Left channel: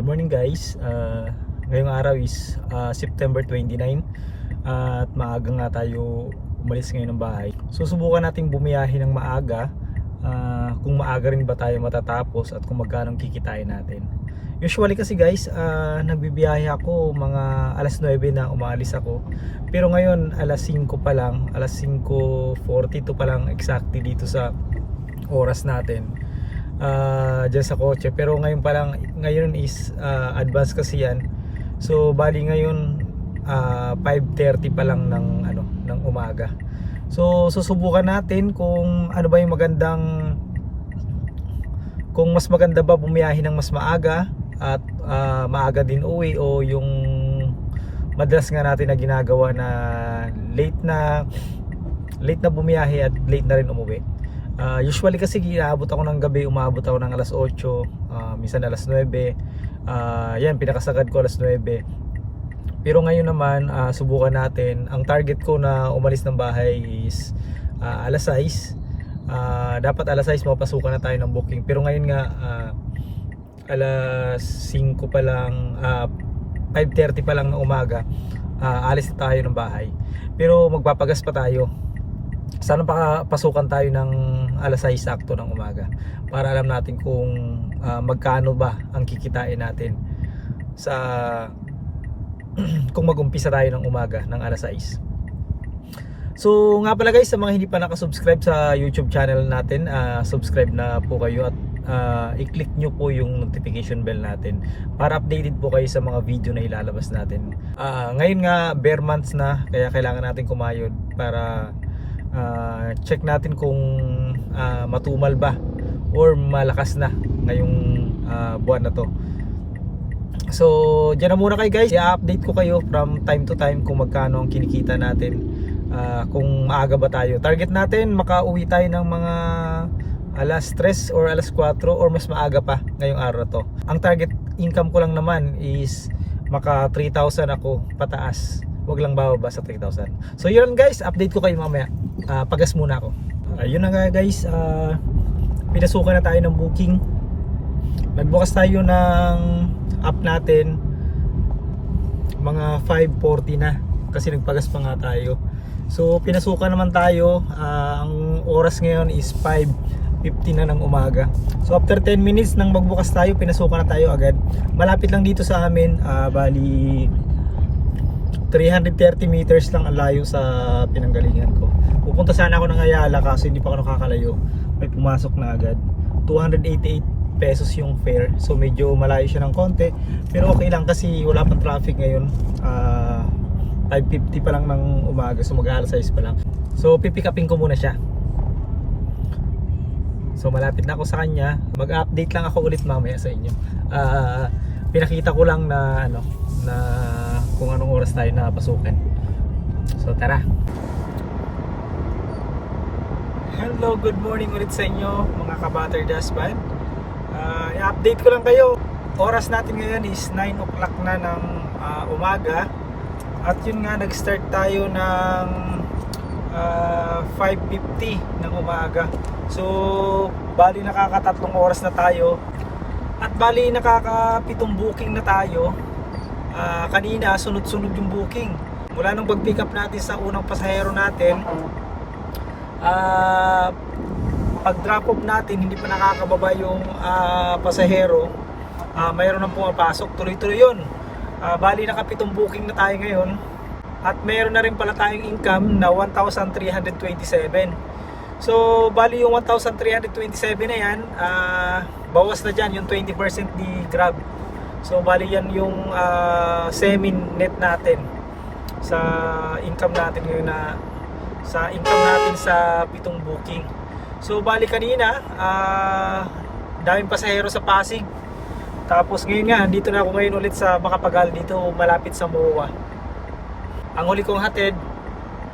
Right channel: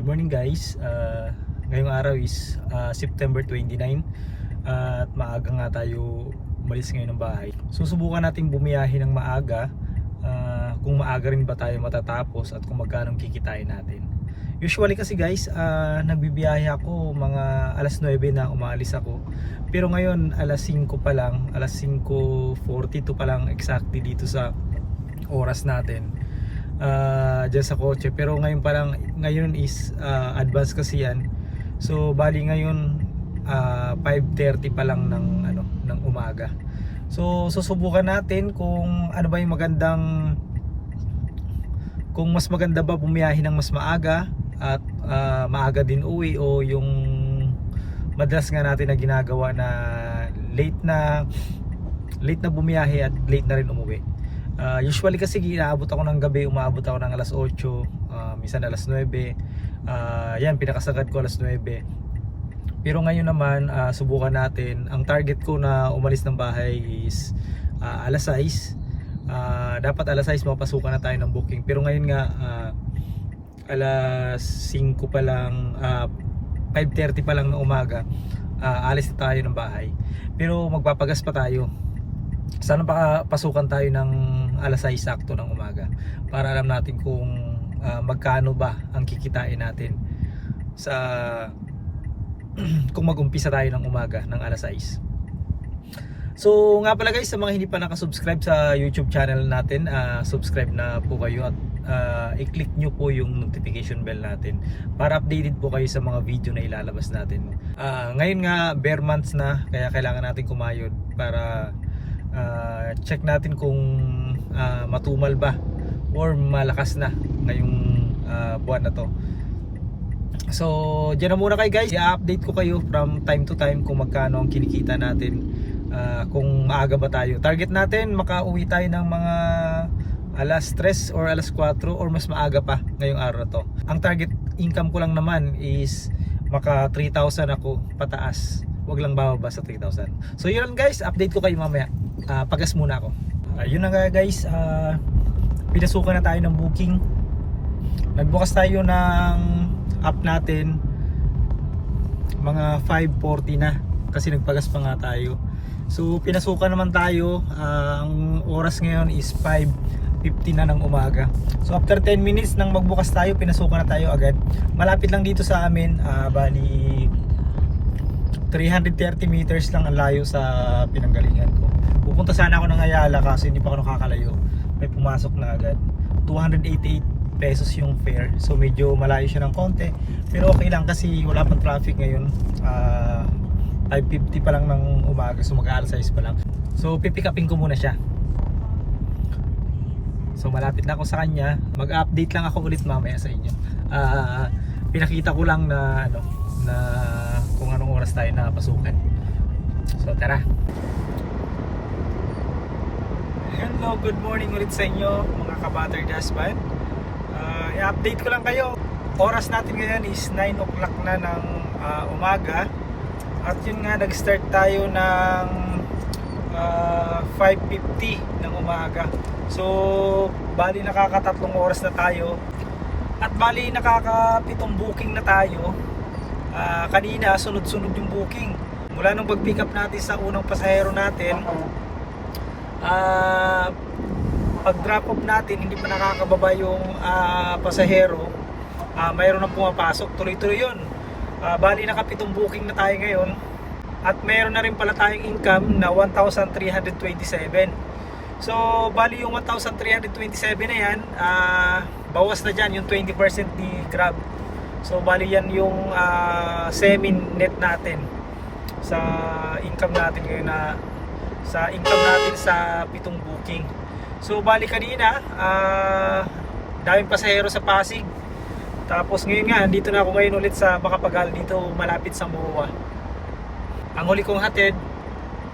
Good morning guys. Uh, ngayong araw is uh, September 29 at maaga nga tayo umalis ngayon ng bahay. Susubukan nating bumiyahe ng maaga uh, kung maaga rin ba tayo matatapos at kung magkano kikitain natin. Usually kasi guys, uh, nagbibiyahe ako mga alas 9 na umaalis ako. Pero ngayon alas 5 pa lang, alas 5.42 pa lang exactly dito sa oras natin uh, dyan sa kotse. Pero ngayon pa lang ngayon is uh, advance kasi yan. So bali ngayon uh, 5.30 pa lang ng ano ng umaga. So susubukan natin kung ano ba yung magandang kung mas maganda ba bumiyahe ng mas maaga at uh, maaga din uwi o yung madalas nga natin na ginagawa na late na late na bumiyahe at late na rin umuwi Uh, usually kasi inaabot ako ng gabi, umaabot ako ng alas 8, uh, minsan alas 9. Uh, yan, pinakasagad ko alas 9. Pero ngayon naman, uh, subukan natin. Ang target ko na umalis ng bahay is uh, alas 6. Uh, dapat alas 6 mapasukan na tayo ng booking. Pero ngayon nga, uh, alas 5 pa lang, uh, 5.30 pa lang ng umaga, uh, alis na tayo ng bahay. Pero magpapagas pa tayo sana pa pasukan tayo ng alas 6 sakto ng umaga para alam natin kung uh, magkano ba ang kikitain natin sa kung mag-umpisa tayo ng umaga ng alas 6 So nga pala guys sa mga hindi pa nakasubscribe sa YouTube channel natin uh, subscribe na po kayo at uh, i-click nyo po yung notification bell natin para updated po kayo sa mga video na ilalabas natin. Uh, ngayon nga bare months na kaya kailangan natin kumayod para uh, check natin kung uh, matumal ba or malakas na ngayong uh, buwan na to. So dyan na muna kayo guys. I-update ko kayo from time to time kung magkano ang kinikita natin. Uh, kung maaga ba tayo. Target natin makauwi tayo ng mga alas 3 or alas 4 or mas maaga pa ngayong araw to. Ang target income ko lang naman is maka 3,000 ako pataas wag lang bababa sa 3,000 so yun guys update ko kayo mamaya. Uh, pagas muna ako. Uh, yun na nga guys uh, pinasukan na tayo ng booking. Nagbukas tayo ng app natin. Mga 5.40 na kasi nagpagas pa nga tayo. So pinasukan naman tayo. Uh, ang oras ngayon is 5.50 na ng umaga. So after 10 minutes nang magbukas tayo pinasukan na tayo agad. Malapit lang dito sa amin. Uh, bali 330 meters lang ang layo sa pinanggalingan ko. Pupunta sana ako ng Ayala kasi hindi pa ako nakakalayo. May pumasok na agad. 288 pesos yung fare. So medyo malayo siya ng konti. Pero okay lang kasi wala pa traffic ngayon. Uh, 5.50 pa lang ng umaga. So mag-aalas 6 pa lang. So pipick upin ko muna siya. So malapit na ako sa kanya. Mag-update lang ako ulit mamaya sa inyo. Uh, pinakita ko lang na ano na kung anong oras tayo napasukan so tara. Hello, good morning ulit sa inyo mga kabatter dashband uh, I-update ko lang kayo. Oras natin ngayon is 9 o'clock na ng uh, umaga. At yun nga, nag-start tayo ng uh, 5.50 ng umaga. So, bali nakakatatlong oras na tayo At bali nakakapitong booking na tayo. Uh, Kanina, sunod-sunod yung booking. Mula nung pag-pick up natin sa unang pasahero natin uh, pag drop off natin hindi pa nakakababa yung uh, pasahero uh, mayroon nang pumapasok. Tuloy-tuloy yun. Uh, bali nakapitong booking na tayo ngayon. At mayroon na rin pala tayong income na 1,327 so bali yung 1,327 na yan uh, bawas na dyan yung 20% ni Grab so bali yan yung uh, semi net natin sa income natin ngayon na sa income natin sa pitong booking. So bali kanina, uh, daming pasahero sa Pasig. Tapos ngayon nga, dito na ako ngayon ulit sa Makapagal, dito malapit sa Moa. Ang huli kong hatid,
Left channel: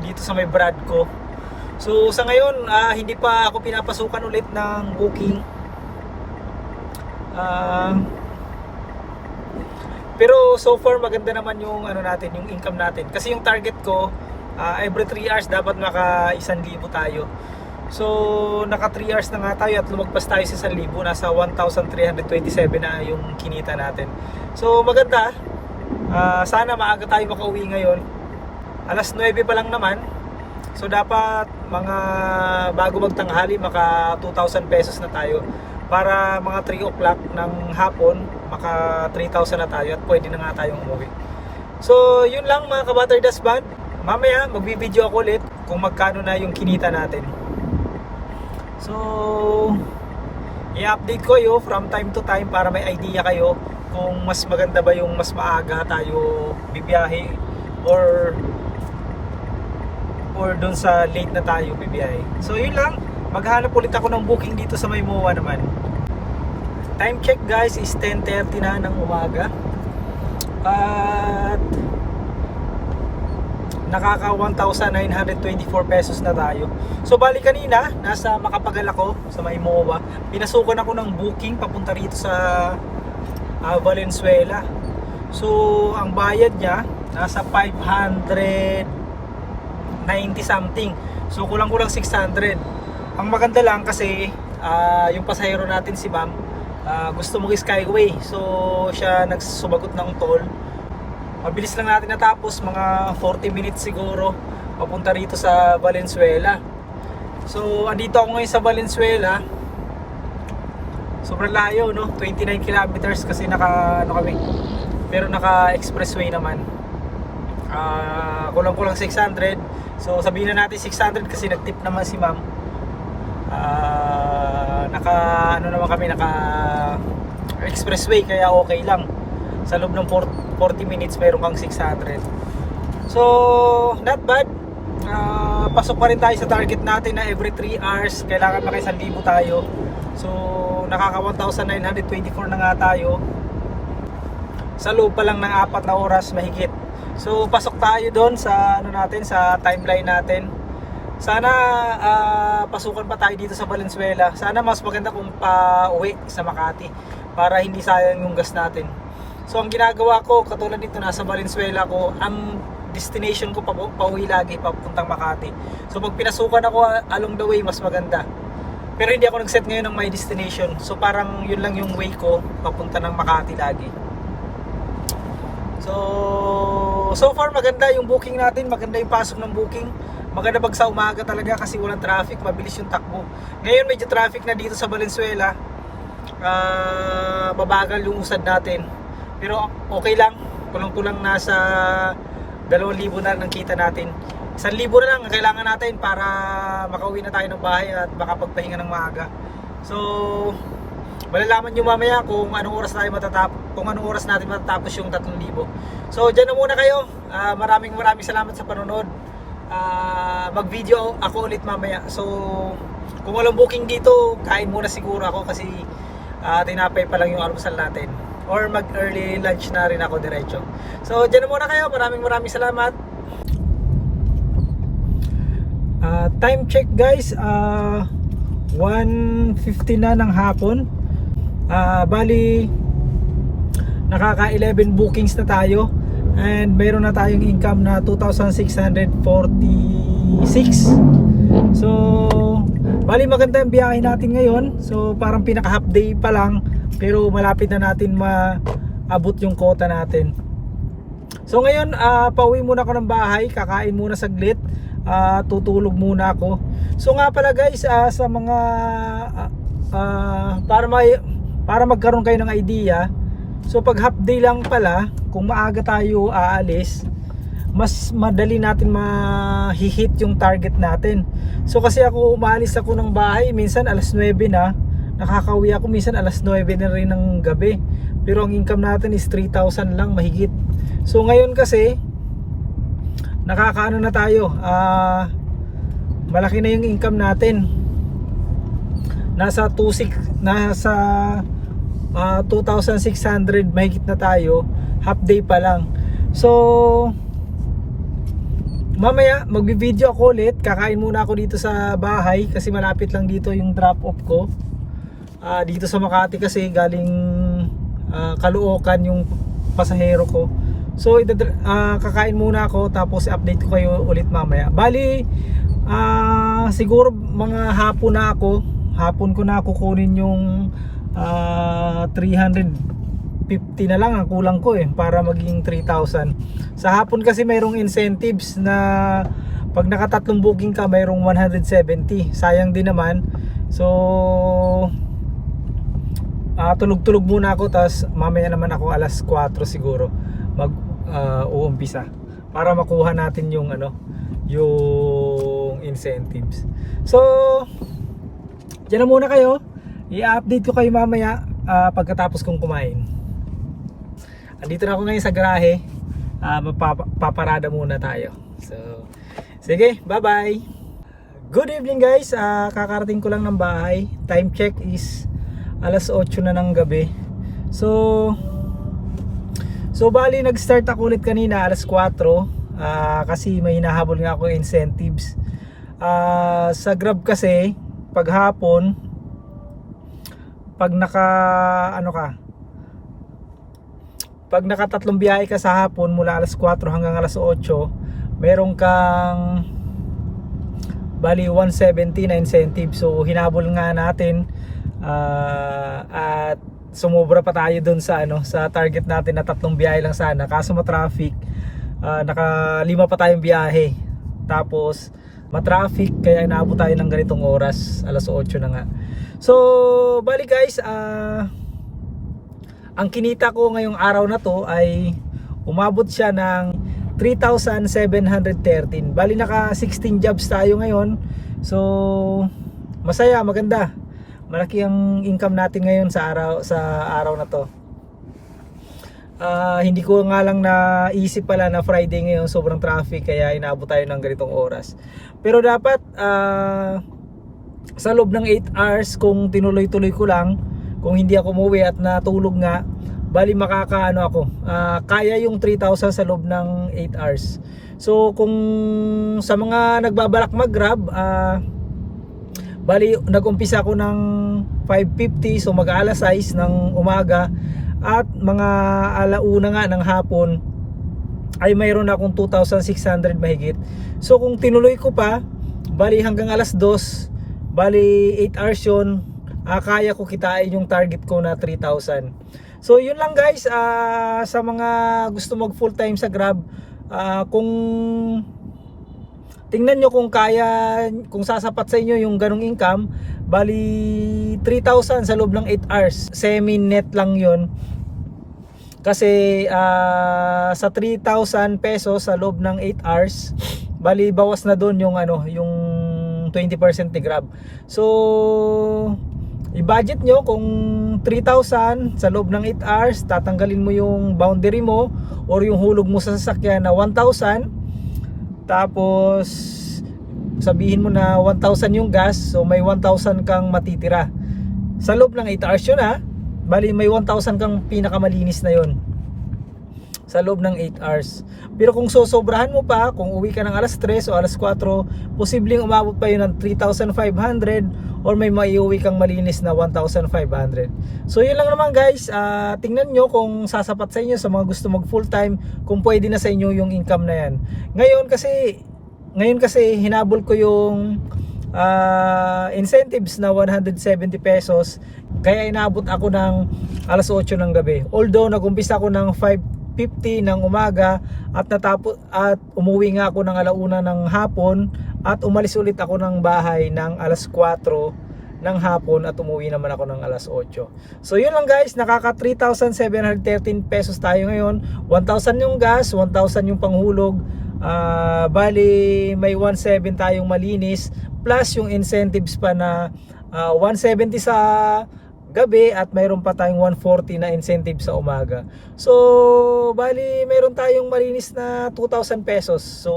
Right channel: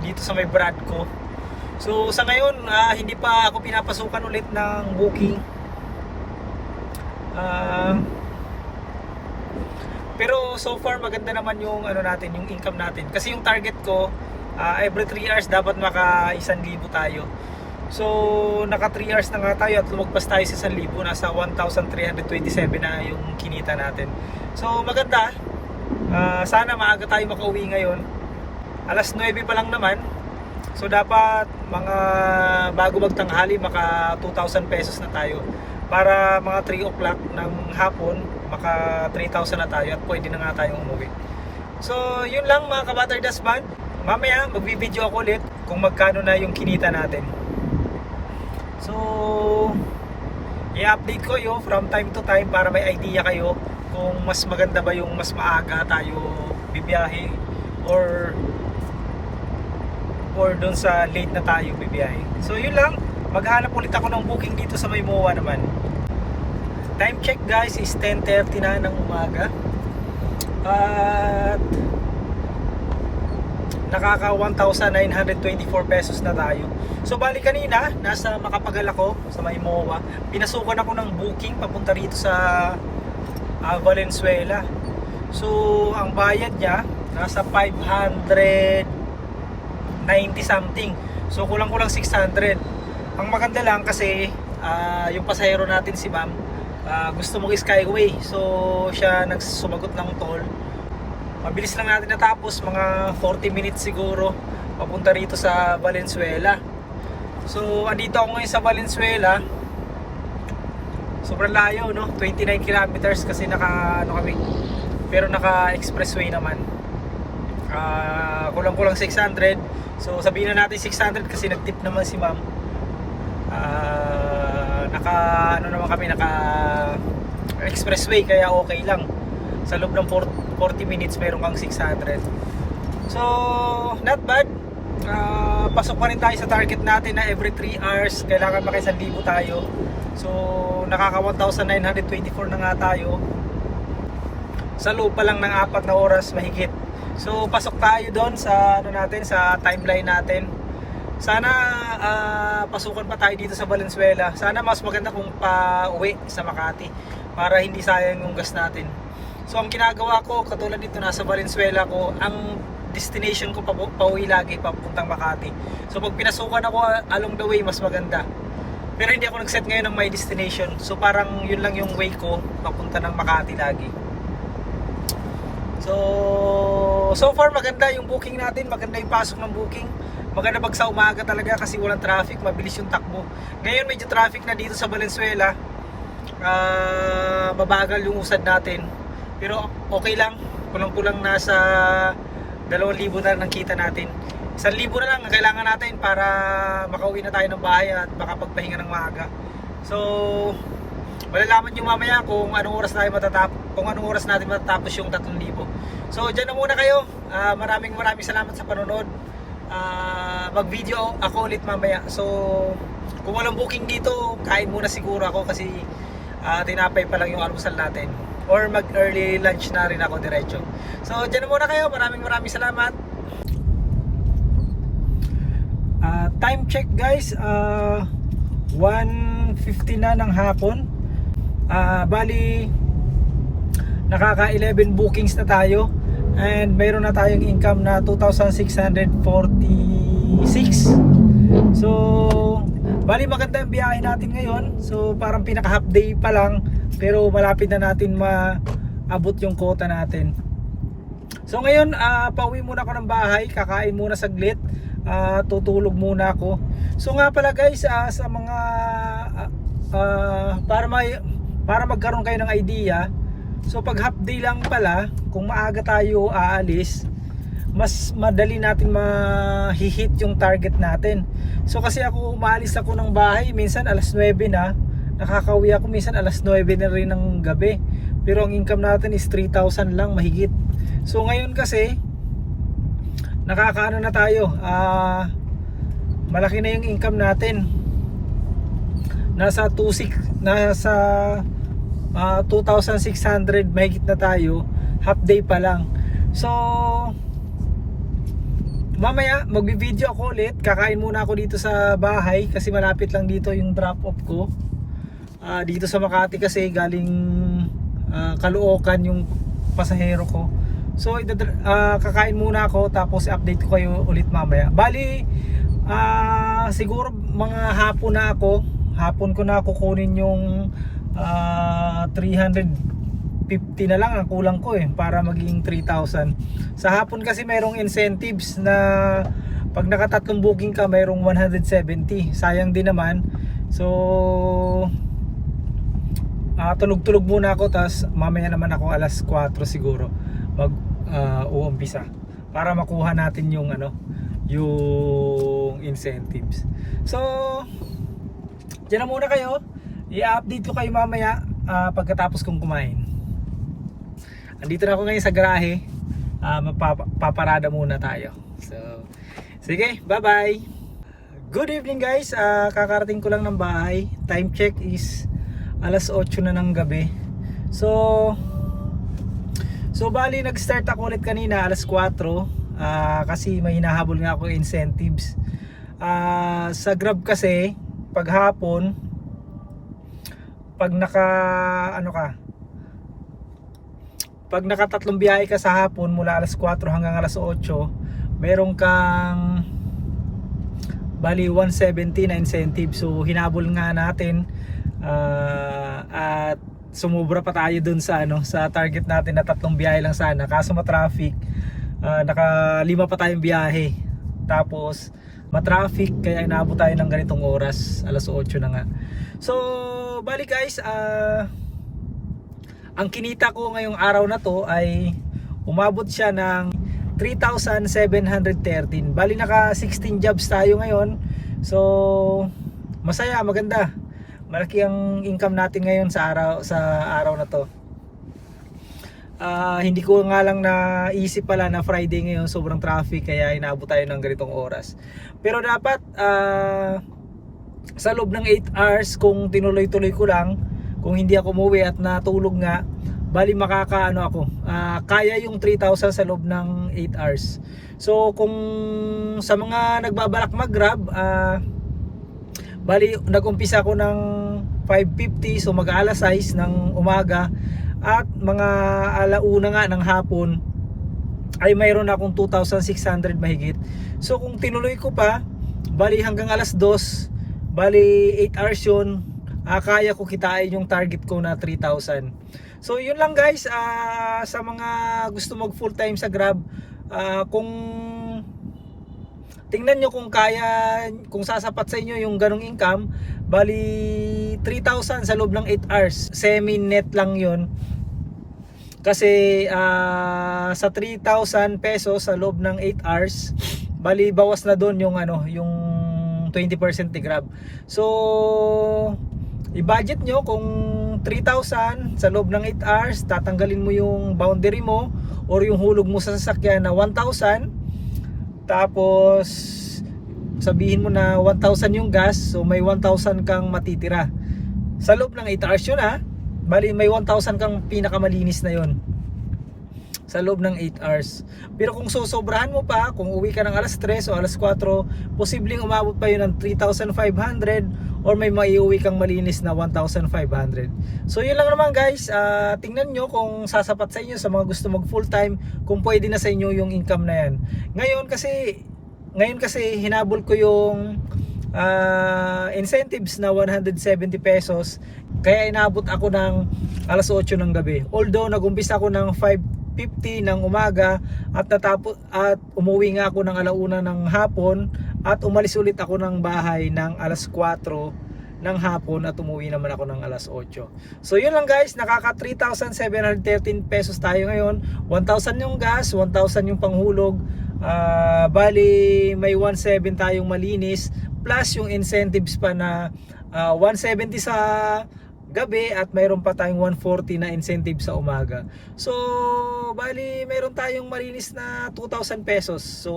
dito sa may brad ko. So sa ngayon, uh, hindi pa ako pinapasukan ulit ng booking. Uh, pero so far maganda naman yung ano natin, yung income natin. Kasi yung target ko, uh, every 3 hours dapat maka 1,000 tayo. So, naka 3 hours na nga tayo at lumagpas tayo sa 1,000. Nasa 1,327 na yung kinita natin. So, maganda. Ah, sana maaga tayo makauwi ngayon. Alas 9 pa lang naman. So, dapat mga bago magtanghali, maka 2,000 pesos na tayo. Para mga 3 o'clock ng hapon, maka 3,000 na tayo at pwede na nga tayong umuwi. So, yun lang mga kabatter das band. Mamaya, magbibideo ako ulit kung magkano na yung kinita natin. So, i-update ko kayo from time to time para may idea kayo kung mas maganda ba yung mas maaga tayo bibiyahe or or doon sa late na tayo bibiyahe. So, yun lang. Maghanap ulit ako ng booking dito sa Maymoa naman. Time check guys is 10.30 na ng umaga. At nakaka 1,924 pesos na tayo. So bali kanina, nasa Makapagal ako sa Maymoa. Pinasukan ako ng booking papunta rito sa ah, Valenzuela. So ang bayad niya nasa 590 something. So kulang-kulang 600. Ang maganda lang kasi ah, yung pasahero natin si Ma'am ah, gusto mo Skyway. So siya nagsumagot ng toll. Mabilis lang natin natapos mga 40 minutes siguro papunta rito sa Valenzuela. So andito ako ngayon sa Valenzuela. Sobrang layo no? 29 kilometers kasi naka ano kami pero naka expressway naman. Ah, kulang kulang 600 so sabihin na natin 600 kasi nagtip naman si ma'am naka ano naman kami naka expressway kaya okay lang. Sa loob ng 40 minutes meron kang 600 so not bad. Ah, pasok pa rin tayo sa target natin na every 3 hours kailangan maka 1,000 tayo. So nakaka 1,924 na nga tayo. Sa loob pa lang ng apat na oras mahigit so pasok tayo doon sa ano natin sa timeline natin sana ah, pasukan pa tayo dito sa Valenzuela sana mas maganda kung pa uwi sa Makati para hindi sayang yung gas natin So ang ginagawa ko, katulad nito nasa Valenzuela ko, ang destination ko pa pauwi lagi papuntang Makati. So pag pinasukan ako along the way, mas maganda. Pero hindi ako nag-set ngayon ng my destination. So parang yun lang yung way ko papunta ng Makati lagi. So so far maganda yung booking natin, maganda yung pasok ng booking. Maganda pag sa umaga talaga kasi walang traffic, mabilis yung takbo. Ngayon medyo traffic na dito sa Valenzuela. Ah, mabagal yung usad natin. Pero okay lang. Kulang-kulang nasa 2,000 na lang kita natin. 1,000 na lang ang kailangan natin para makauwi na tayo ng bahay at makapagpahinga ng maaga. So, malalaman nyo mamaya kung anong oras tayo matatapos, kung anong oras natin matatapos yung 3,000. So, dyan na muna kayo. Ah, maraming maraming salamat sa panonood. Ah, mag-video ako ulit mamaya. So, kung walang booking dito, kain muna siguro ako kasi ah, tinapay pa lang yung almusal natin. Or mag early lunch na rin ako diretso. So dyan na muna kayo. Maraming maraming salamat. Ah, time check guys. Ah 1.50 na ng hapon. Ah, bali nakaka 11 bookings na tayo and meron na tayong income na 2,646 so bali maganda yung biyahe natin ngayon. So parang pinaka half day pa lang. Pero malapit na natin maabot yung quota natin. So ngayon ah, pauwi muna ako ng bahay. Kakain muna saglit. Ah, tutulog muna ako. So nga pala guys ah, sa mga ah, para may para magkaroon kayo ng idea so pag half day lang pala kung maaga tayo aalis mas madali natin mahihit yung target natin. So kasi ako umalis ako ng bahay, minsan alas 9 na, nakakauwi ako minsan alas 9 na rin ng gabi. Pero ang income natin is 3,000 lang mahigit. So ngayon kasi nakakaano na tayo, ah malaki na yung income natin. Nasa 26 nasa ah, 2,600 mahigit na tayo, half day pa lang. So Mamaya, magbi-video ako ulit. Kakain muna ako dito sa bahay kasi malapit lang dito yung drop off ko. Ah, dito sa Makati kasi galing ah, Caloocan yung pasahero ko. So, ah, kakain muna ako tapos update ko kayo ulit mamaya. Bali, Ah, siguro mga hapon na ako. Hapon ko na kukunin yung ah, 350 na lang ang kulang ko eh para maging 3,000. Sa hapon kasi merong incentives na pag nakatatlong booking ka mayroong 170. Sayang din naman. So ah, tulog-tulog muna ako tas mamaya naman ako alas 4 siguro mag ah, uumpisa para makuha natin yung ano yung incentives. So Diyan na muna kayo. I-update ko kayo mamaya ah, pagkatapos kong kumain. Andito na ako ngayon sa garahe. Ah, magpaparada muna tayo. So, sige, bye-bye. Good evening guys. Ah, kakarating ko lang ng bahay. Time check is alas 8 na ng gabi. So, so bali nag-start ako ulit kanina alas 4 ah, kasi may hinahabol nga ako incentives. Ah, sa Grab kasi paghapon pag naka ano ka? Pag nakatatlong biyahe ka sa hapon mula alas 4 hanggang alas 8 meron kang bali 170 na incentive so hinabol nga natin ah, at sumobra pa tayo dun sa ano sa target natin na tatlong biyahe lang sana. Kaso ma-traffic ah, naka lima pa tayong biyahe. Tapos ma-traffic kaya inaabot tayo ng ganitong oras alas 8 na nga so bali guys ah ang kinita ko ngayong araw na to ay umabot siya ng 3,713 bali naka 16 jobs tayo ngayon. So masaya maganda. Malaki ang income natin ngayon sa araw sa araw na to. Ah, hindi ko nga lang naisip pala na Friday ngayon sobrang traffic kaya inaabot tayo ng ganitong oras. Pero dapat ah, sa loob ng 8 hours kung tinuloy-tuloy ko lang, kung hindi ako umuwi at natulog nga, bali makakaano ako. ah, kaya yung 3,000 sa loob ng 8 hours. So kung sa mga nagbabalak mag-grab, ah, bali nag-umpisa ako ng 5.50 so mag-alas 6 ng umaga at mga alauna nga ng hapon ay mayroon akong 2,600 mahigit. So kung tinuloy ko pa, bali hanggang alas 2, bali 8 hours yun, ah, kaya ko kitain yung target ko na 3,000. So yun lang guys, ah, sa mga gusto mag full time sa Grab, ah, kung tingnan nyo kung kaya, kung sasapat sa inyo yung ganong income, bali 3,000 sa loob ng 8 hours, semi-net lang yun. Kasi ah, sa 3,000 pesos sa loob ng 8 hours, bali bawas na doon yung ano, yung 20% ni Grab. So, i-budget nyo kung 3,000 sa loob ng 8 hours, tatanggalin mo yung boundary mo or yung hulog mo sa sasakyan na 1,000. Tapos, sabihin mo na 1,000 yung gas, so may 1,000 kang matitira. Sa loob ng 8 hours yun ha, bali may 1,000 kang pinakamalinis na yon sa loob ng 8 hours. Pero kung sosobrahan mo pa, kung uwi ka ng alas 3 o alas 4, posibleng umabot pa yun ng 3,500 or may maiuwi kang malinis na 1,500. So yun lang naman guys, Ah, tingnan nyo kung sasapat sa inyo sa mga gusto mag full time, kung pwede na sa inyo yung income na yan. Ngayon kasi, ngayon kasi hinabol ko yung ah, incentives na 170 pesos kaya inabot ako ng alas 8 ng gabi although nagumpisa ako ng 5.50 ng umaga at natapos at umuwi nga ako ng alauna ng hapon at umalis ulit ako ng bahay ng alas 4 ng hapon at umuwi naman ako ng alas 8. So yun lang guys, nakaka 3,713 pesos tayo ngayon. 1,000 yung gas, 1,000 yung panghulog. Ah, bali may 1,700 tayong malinis plus yung incentives pa na ah, 170 sa gabi at mayroon pa tayong 140 na incentive sa umaga. So, bali mayroon tayong malinis na 2,000 pesos. So,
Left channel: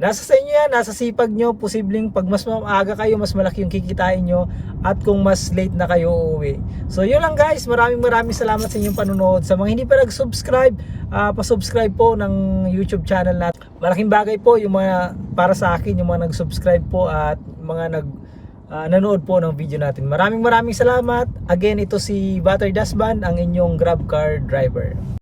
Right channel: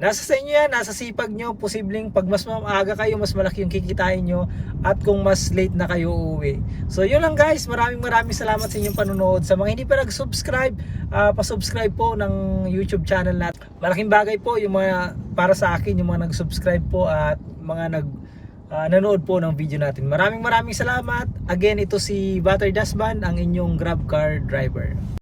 nasa sa inyo yan, nasa sipag nyo, posibleng pag mas maaga kayo, mas malaki yung kikitain nyo at kung mas late na kayo uuwi. So, yun lang guys. Maraming maraming salamat sa inyong panonood. Sa mga hindi pa nag-subscribe, ah, pa-subscribe po ng YouTube channel natin. Malaking bagay po yung mga para sa akin, yung mga nag-subscribe po at mga nag ah, nanood po ng video natin. Maraming maraming salamat. Again, ito si Butter Dasban, ang inyong Grab Car driver.